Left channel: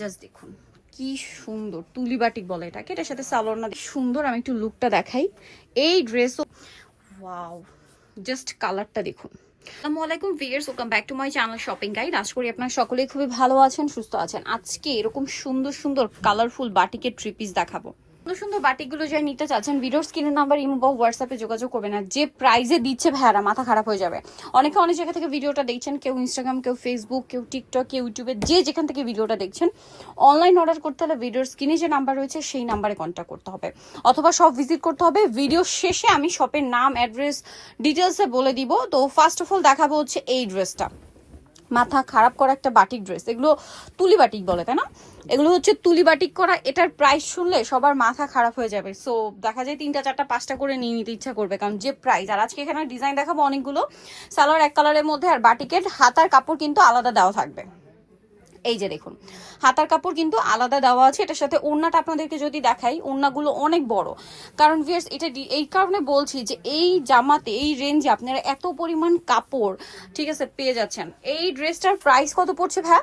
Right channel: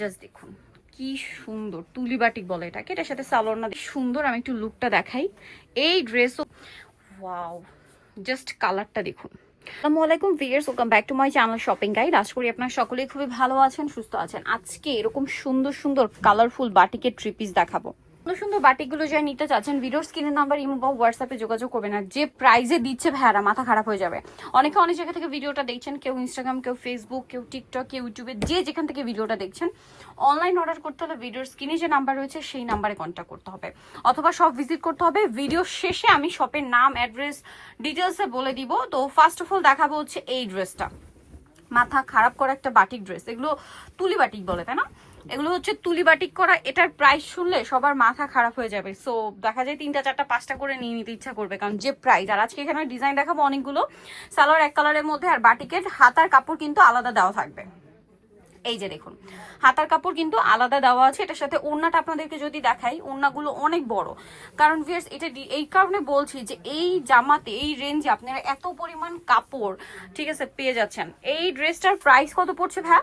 Just দেখুন, কি সুন্দর তুলি বাটিক বলে এটাকে। এটার সাথে সালোয়ার না, সুন্দর আমি একটু লুকটা দেখাই। এই ড্রেসও ওয়াও জাস্ট কালারটা দেখুন। আসসালামু আলাইকুম viewers welcome back to my channel shopping guide আশা করি আপনারা সকলেই খুবই ভালো আছেন, সুস্থ আছেন। আজকে এরকম সুন্দর সুন্দর কালারফুল বাটিকের ট্রিপিস দেখাবো। সুন্দর বাটিকগুলো যারা নিতে চাচ্ছেন ভিডিওর স্ক্রিনের নাম্বার ইমো হোয়াটসঅ্যাপে যোগাযোগ করবেন আর যে প্রাইজে দিচ্ছে ভাইয়ারা, মাথা খারাপ হয়ে যাবে। অনেকে অনেক জায়গা থেকে ভিডিওটা দেখছেন, কেউ ইনস্টাগ্রাম কেউ ফেসবুক কেউ টিকটক কেউ ইউটিউবে যে যেখান থেকে ভিডিওটা দেখছেন অনলাইন অর্ডার করতে হলে ভিডিওর স্ক্রিনে যে নাম্বার রয়েছে, সেই নাম্বারে কন্ট্যাক্ট করতে হবে। অথবা সব ভিজিট করতে হবে। ভিডিও শেষে আমি শপের নাম অ্যাড্রেস ডিটেলসে বলে দিব। তো ফার্স্ট অফ অল দেখাবো হচ্ছে এই ড্রেসটা মাথা খারাপ করা একটা বাটিক ড্রেস এগুলো তুলি বাটিক বলে, তাই না? এগুলো হচ্ছে তুলি বাটিক করা, এটার প্রাইস শুনলে সবার মাথা খারাপ হয়ে যাবে। সো দেখা যায় তিনটা, চারটা, পাঁচটা করে নিয়ে নিতে ইচ্ছা করবে, কারণ যে প্রাইস আর আজকে এখানে ডিজাইন দেখাবো অনেকগুলো, সালোয়ার এক কালারের মধ্যে আর বাটিকের, হাতার কাপড় কিন্তু আলাদা দেওয়া থাকবে। এই যে দেখুন, হাতার কাপড় কিন্তু আলাদা দেওয়া আছে, এটার সাথে ওড়নাটা আপনাদেরকে যদি দেখাই, ওড়নাগুলো অনেক বড়। কারণ ভিয়ার্স এটা এই কারণে বলছি যে এই জামাতে, এই রেঞ্জে আপনারা এত পরিমাণ কাপড়, ঠিক আছে, পেয়ে যাচ্ছেন। এই ড্রেসটার প্রাইস কত পড়ছে ভাই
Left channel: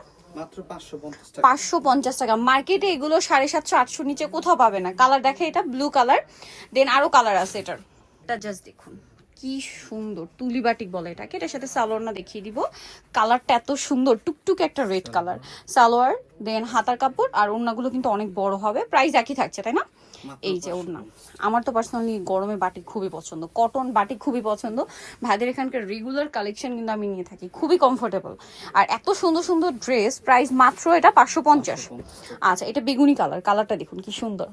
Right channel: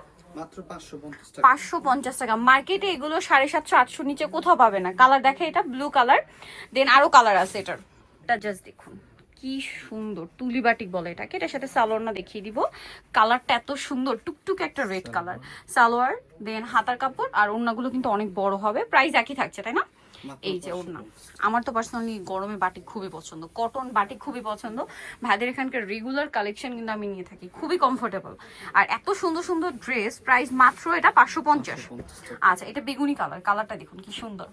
পাঁচশো পঞ্চাশ টাকা। মার্কেটে এগুলো সাড়ে সাতশো আটশো নিচে কোথাও পাবে না। কালার দেখে এটা ব্লু কালার দেন আরও কালার আছে এটার। এটা জাস্ট দেখুন কি সুন্দর। তুলি বাটিক বলে এটাকে। এটার সাথে সালোয়ার না দেখিয়ে দিব। কালারটা এত সুন্দর টুকটুক একটা রেড কালার সালোয়ার দেন হাতার কাপড় আর ওড়নাগুলো কিন্তু অনেক বড় হবে। প্রাইস একই থাকছে তাই না? এই যে ওর নাম আমার তো পার্সোনালি গরমে বাটি খুবই পছন্দ। কটন বাটি খুবই পছন্দ। ভাইদের এখানকার রেগুলার কালেকশন কিন্তু আমি নিয়ে থাকি। খুবই কমফোর্টেবল আর এত সুন্দর সুন্দর ড্রেস প্রাইস মাত্র এটা পাঁচশো পঞ্চাশ। আচ্ছা এটা বেগুনি কালার কালারটা দেখুন কি সুন্দর।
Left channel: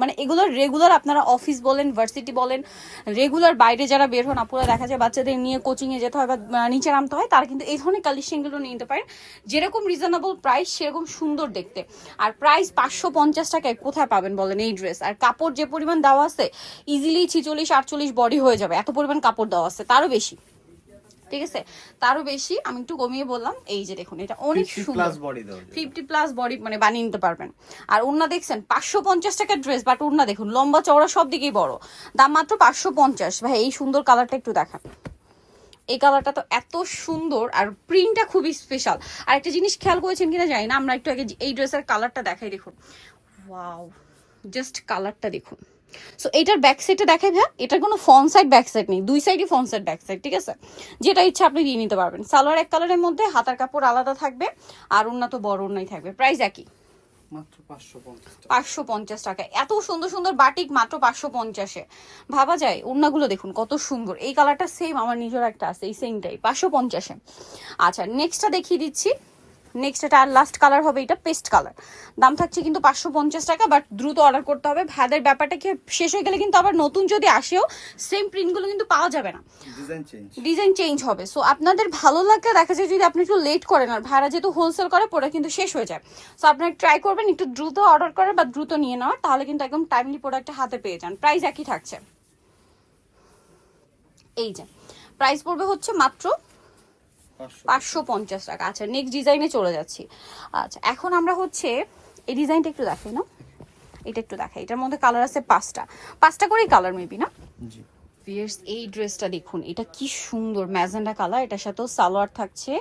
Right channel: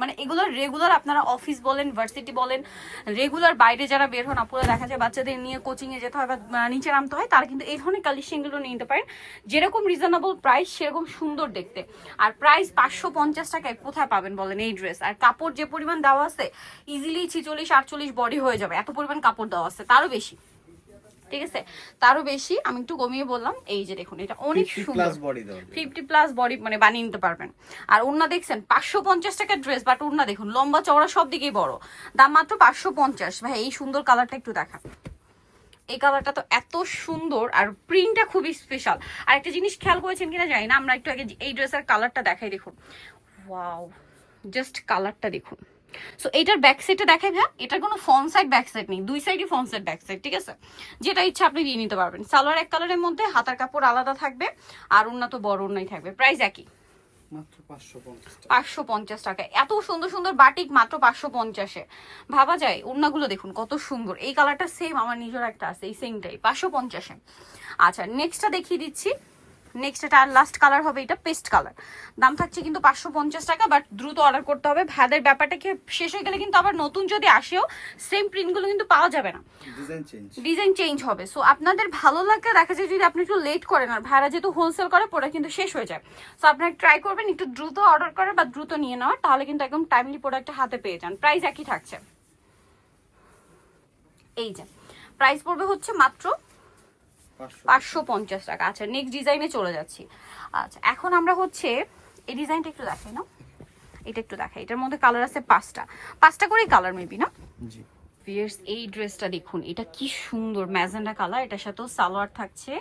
মানে এগুলো রেগুলার আপনারা অফিস বলেন ভার্সিটি বলেন রেগুলার বাইরে যারা বের হন, আপনারা দেখা যায় বাচ্চাদের নিয়ে কোচিং এ যেতে হয় বা নিচে নামতে হয়, তারা কিন্তু এই ধরনের কালেকশনগুলো নিতে পারেন। যেরকম রিজনেবল প্রাইস সেরকম সুন্দর দেখতে। আর প্রাইস পাঁচশো পঞ্চাশ টাকায় কোথায় পাবেন বলেন এই ড্রেস আর কাপড় যে পরিমাণ দেওয়া আছে ইজিলি ছিচল্লিশ, আটচল্লিশ বডি হয়ে যাবে। এত পরিমাণ কাপড় দেওয়া আছে, তারও বেশি। ঠিক আছে? তারও বেশি আমি একটু কমিয়ে বললাম এই যে দেখুন এটা অনেক সুন্দর। ফিফটি প্লাস বডি মানে বানিয়ে নিতে পারবেন। আর ওড়না দেখছেন পাঁচশো পঞ্চাশ টাকার ড্রেস বাট ওড়না দেখুন লম্বা চওড়া সব দিকেই বড়। দাম মাত্র পাঁচশো পঞ্চাশ। ভাই এই সুন্দর কালারটা একটু দেখান। এই কালারটা তো এত সুন্দর আর প্রিন্টটা খুবই স্পেশাল আর একটা জিনিস খেয়াল করেছেন কিনা জানি না আমরা একটু আগে এই ড্রেসের কালারটা দেখাই দেখুন। ওয়াও জাস্ট কালারটা দেখুন। সো এটার ব্যাক সাইডটা দেখেন হ্যাঁ এটার কোনো ফ্রন্ট সাইড ব্যাক সাইড নেই। দুই সাইডই ফ্রন্ট সাইড ব্যাক সাইড ঠিক আছে? যেটা ইচ্ছা আপনি দিয়ে নিতে পারবেন। সালোয়ার এক কালারের মধ্যে হাতার কাপড় আলাদা থাকবে আর ওড়না তো বড় ওড়নাই থাকবে। প্রাইস একই। মাত্র পাঁচশো পঞ্চাশ টাকা। এত সুন্দর সুন্দর বাটিক মাত্র পাঁচশো পঞ্চাশে। ভাবা যায় ওড়নাগুলো দেখুন কত সুন্দর। এই কালারটা সেম আমার নিজের একটা আছে এই সেমটাই পাঁচশো পঞ্চাশে। আচ্ছা নেক্সটটা দেখিয়ে দিচ্ছি। নেক্সট এটা আর লাস্ট কালার হবে এটা পেস্ট কালার দাম থাকছে কিন্তু পাঁচশো পঞ্চাশ টাকা বাট দ্রুত অর্ডার করতে হবে। ভ্যাদের ব্যাপারটা কি শেষ হয়ে গেলে কিন্তু আবার নতুন যদি আসেও সেম প্রিন্টগুলো কিন্তু পাওয়া যাবে না। ডিজাইন চেঞ্জ হবে। সো আপনাদের ভালো লাগলে দেখা যায় যদি আপনি একটু লেট করেন আর ভাড়া যেহেতু হোলসেল করে প্রোডাক্ট কিন্তু শেষ হয়ে যায়। সো আপনারা ট্রাই করবেন একটু দ্রুত অর্ডার করে বা দ্রুত নিয়ে নেওয়ার তাহলে কিন্তু একদম টাইমলি প্রোডাক্টটা হাতে পেয়ে যান। প্রাইস একই থাকছে। এই যে প্রাইস পড়বে হচ্ছে মাত্র পাঁচশো পঞ্চাশ টাকা। আচ্ছা নেক্সট ডিজাইনে চলে যাচ্ছি। আচ্ছা এখন আমরা হচ্ছে এই ডিজাইনটা একটু দেখাই না? এটা একটু দেখাই এটার মধ্যে কালার আছে পাঁচটা। পাঁচটা করেই কালার মেবি না? জি। ভিয়ার্স এই ড্রেসটা দেখুন, এটা কি সুন্দর ম্যাজেন্ডা কালার, এটার সাথেও সালোয়ার থাকছে।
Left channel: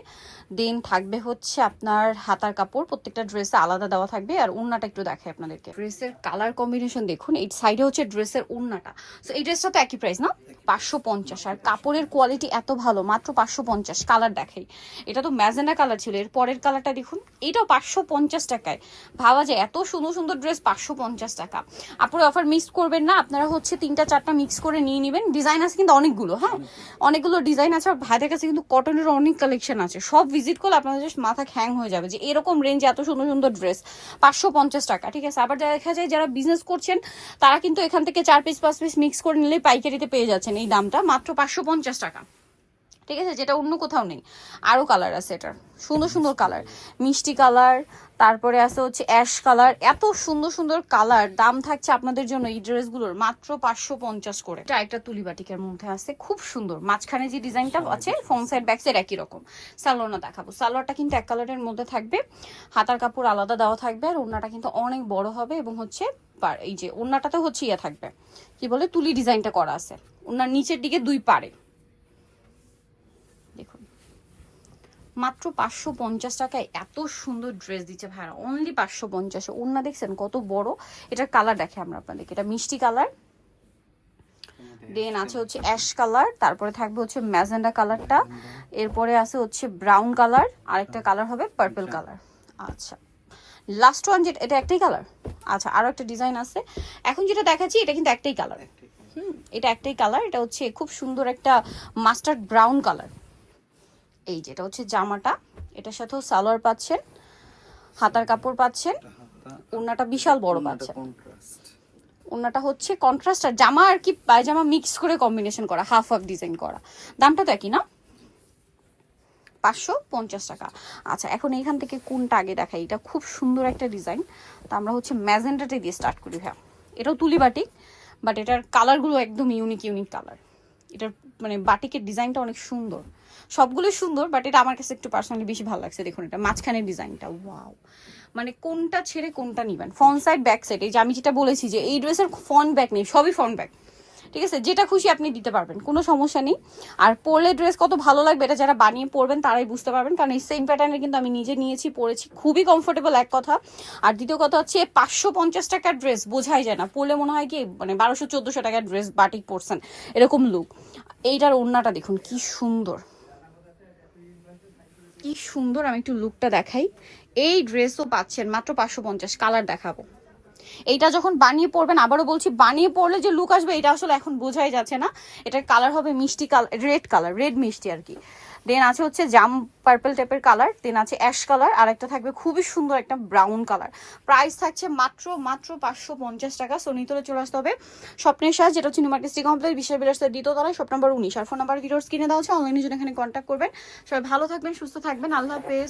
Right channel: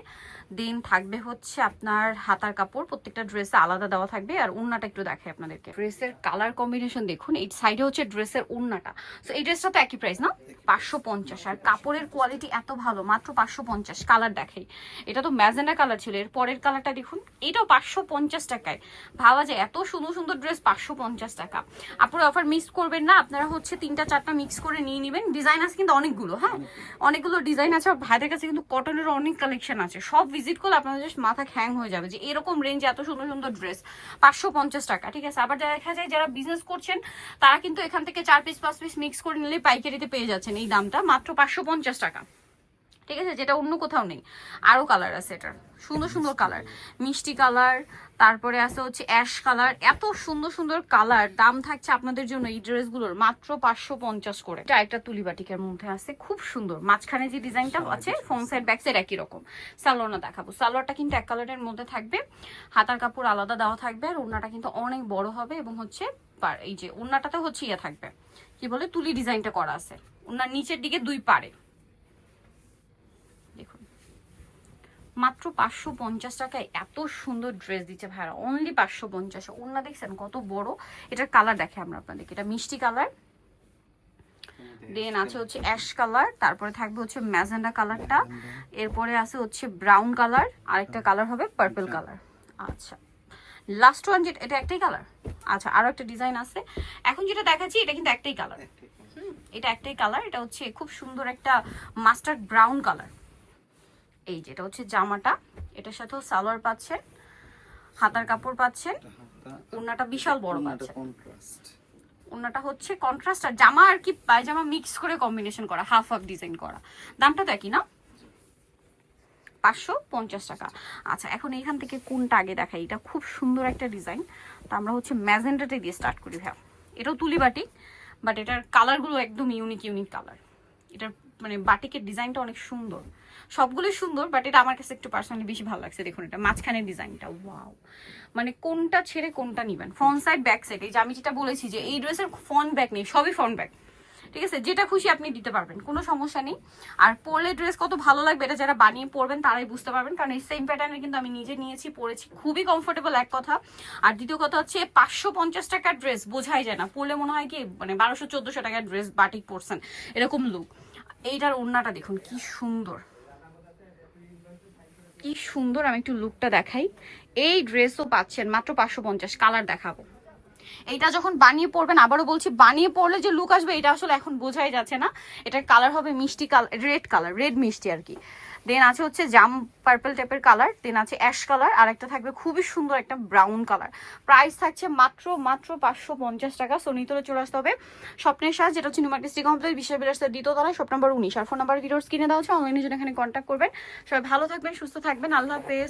দেন থাকবে হচ্ছে আপনার হাতার কাপড়, প্রত্যেকটা ড্রেসে আলাদা দেওয়া থাকবে। আর উন্নাটা একটু দেখে আপনাদেরকে। ড্রেসের কালার কম্বিনেশন দেখুন, এই সাইডে হচ্ছে ড্রেসের উন্নাটা তো এই ড্রেসটা তো একই প্রাইস না? পাঁচশো পঞ্চাশ। আর কাপড়ের কোয়ালিটি এত ভালো, মাত্র পাঁচশো পঞ্চাশ। কালার দেখাই। এটা তো ম্যাজেন্ডা কালার ছিল, এর পরের কালারটা দেখুন, এটাও পাঁচশো পঞ্চাশ টাকায়। ভাবা যায়, এত সুন্দর সুন্দর ড্রেস পাঁচশো পঞ্চাশ টাকা। আপনারা অফার মিস করবেন না, আপনারা হচ্ছে তিনটা চারটা মিক্স করে নিয়ে নেবেন। ডিজাইন আছে কিন্তু অনেকগুলো হ্যাঁ? অনেকগুলো ডিজাইন আছে আর ভাইদের কাছে কিন্তু কটনের অনেক কালেকশন আছে। সব ভিজিট করলে আপনাদের জাস্ট মাথা হ্যাং হয়ে যাবে যে এরকম রেঞ্জে এত সুন্দর সুন্দর ড্রেস পাঁচশো পঞ্চাশ টাকা, ঠিক আছে? আবার দেখা যায় যারা বিজনেস করছেন, তারা কিন্তু এখান থেকে চার পিস পাঁচ পিস মিক্স করে নিলে পাইকারিতে পেয়ে যাচ্ছেন এই দামটা, মাত্র পাঁচশো পঞ্চাশ টাকা। ঠিক আছে? যেটা অন্য কোথাও নেই। আরও কালার আছে এটার। সুন্দর সুন্দর কালার মিষ্টি কালার তারপরে আছে হচ্ছে অ্যাশ কালার এত সুন্দর সুন্দর কালার দাম থাকছে আপনাদের জন্য এই ড্রেসগুলোর মাত্র পাঁচশো পঞ্চাশ করে। এটা একটা তুলি বাটিকের মধ্যে আছে। খুব সুন্দর। মাঝখানে যে ডিজাইনটা আছে ফ্রন্ট সাইড ব্যাক সাইড একই রকম। সালোয়ারটা দেখাবো। সালোয়ারটা কিন্তু এক কালারের মধ্যে থাকবে। হাতার কাপড় আলাদা দেওয়া থাকবে আর ওড়নাটা কিন্তু অনেক বড় হবে এবং হচ্ছে এই যে ওড়নাটাতে হচ্ছে ইয়ে থাকবে। কি বলে? তুলি ডিজাইনটা করা আছে। ওড়নার নিচের দিকে দুই পারে দেখুন মাত্র পাঁচশো পঞ্চাশ টাকায় এত সুন্দর ড্রেস দিচ্ছে ভাইরা। অনলি পাঁচশো পঞ্চাশে। ওনা দেখছেন? কত বড়। এটার কালার দেখে আমরা আপনাদেরকে। এটা মিষ্টি কালার দেন আছে হচ্ছে অ্যাশ কালার তারপরে থাকবে হচ্ছে ম্যাজেন্ডা কালারটা এরপরে আছে হচ্ছে ব্রাউন কালার আর একটা কালার হবে পার্পল কালার আচ্ছা। লাস্ট ওয়ান যেটা এটা একটাই কালার আচ্ছা আরও একটা ডিজাইন আছে। এখন যেটা দেখাচ্ছি এটা কিন্তু একটাই কালার হুম এটা একটাই কালার এটা হচ্ছে খুব সুন্দর একটা মাস্টার্ড ব্রাউন কালার এই যেটা হচ্ছে জামাটা। এটার সাথেও সালোয়ার পাচ্ছেন হাতার কাপড় পাচ্ছেন ওড়নাটা বিশাল বড় পাচ্ছেন। ওড়নাটা হচ্ছে কন্ট্রাস্ট আর জামা আর কি পায়জামা মিক্স করে কম্বিনেশন করা হাফ হাফ ডিজাইন করা। দামটা তো একই না? পাঁচশো পঞ্চাশ টাকা। আচ্ছা এখন এইখান থেকে কোনটা আগে দেখাই? এটা খুব সুন্দর একটা ডিজাইন তো আমরা হচ্ছে ম্যাজেন্টাতে দিয়ে স্টার্ট করি হ্যাঁ এটাও তুলি বাটিক বাট এটার কালারগুলো একদম ইউনিক ইউনিক কালার এটার মানে বাটিকের ডিজাইনটা অনেক সুন্দর। সবগুলোই সুন্দর বাট এটা আমার কাছে একটু পার্সোনালি বেশি ভালো লাগছে। দেখুন এটা মাঝখানের ডিজাইনটা ওয়াও মানে কোনটা ছেড়ে কোনটা নিবেন? ফ্রন্ট সাইড ব্যাক সাইড এই যে আমি যেটা বলেছি যে এই ড্রেসের ফ্রন্ট ব্যাক নেই, সবই ফ্রন্ট ব্যাক ঠিক আছে? যেটা খুশি আপনি দিতে পারবেন, কোনো সমস্যা নেই। আর পরলে ড্রেস কত ভালো লাগবে এটা যারা বানিয়ে পরবেন, তারাই বুঝতে পারবেন। কারণ এই সেম প্যাটার্নে কিন্তু আমি নিজে নিয়েছি, পরেছি। খুবই কমফোর্টেবল এক কথা। আর দ্বিতীয় কথা হচ্ছে পাঁচশো পঞ্চাশ টাকার ড্রেস বোঝাই যায় না। পরলে মনে হয় কি মানে বারোশো চোদ্দোশো টাকার ড্রেস বাটিক পরছেন, এরকম লুক এইটার ওড়নাটা দেখুন, কি সুন্দর। কি সুন্দর আমি একটু লুকটা দেখাই। এই ড্রেসও পাচ্ছেন মাত্র পাঁচশো পঞ্চাশ কালার দেখাবো। এইটা যখন বানিয়ে পড়বেন আবারও বলছি, বানিয়ে পড়লে যে লুক আসবে, এটা আসলে এখন বোঝাই যাচ্ছে না। এটার কালার হবে মিষ্টি কালার রেড কালার রেড মিষ্টি আর কি। দেন আছে হচ্ছে জাম পার্পল টাইপের কালার দেন আছে অ্যাশ কালার আর একটা থাকবে খুবই সুন্দর একটা ব্রাউন কালার প্রাইস থাকছে মাত্র মাত্র পাঁচশো পঞ্চাশ টাকা সো নিতলে চলে আসতে হবে স্বপ্নের সাজ, যেটা হচ্ছে নিউমার্কেট সিটি কমপ্লেক্স বিশাল বিলাসের দ্বিতীয় তলায় শপ নাম্বার উনিশ। আর ফোন নাম্বার ভিডিওস কিনে দেওয়া হচ্ছে অনলাইনে জন্য এখানে কন্ট্যাক্ট করবেন। সবাই ভালো থাকবেন, সুস্থ থাকবেন, আল্লাহ হাফেজ।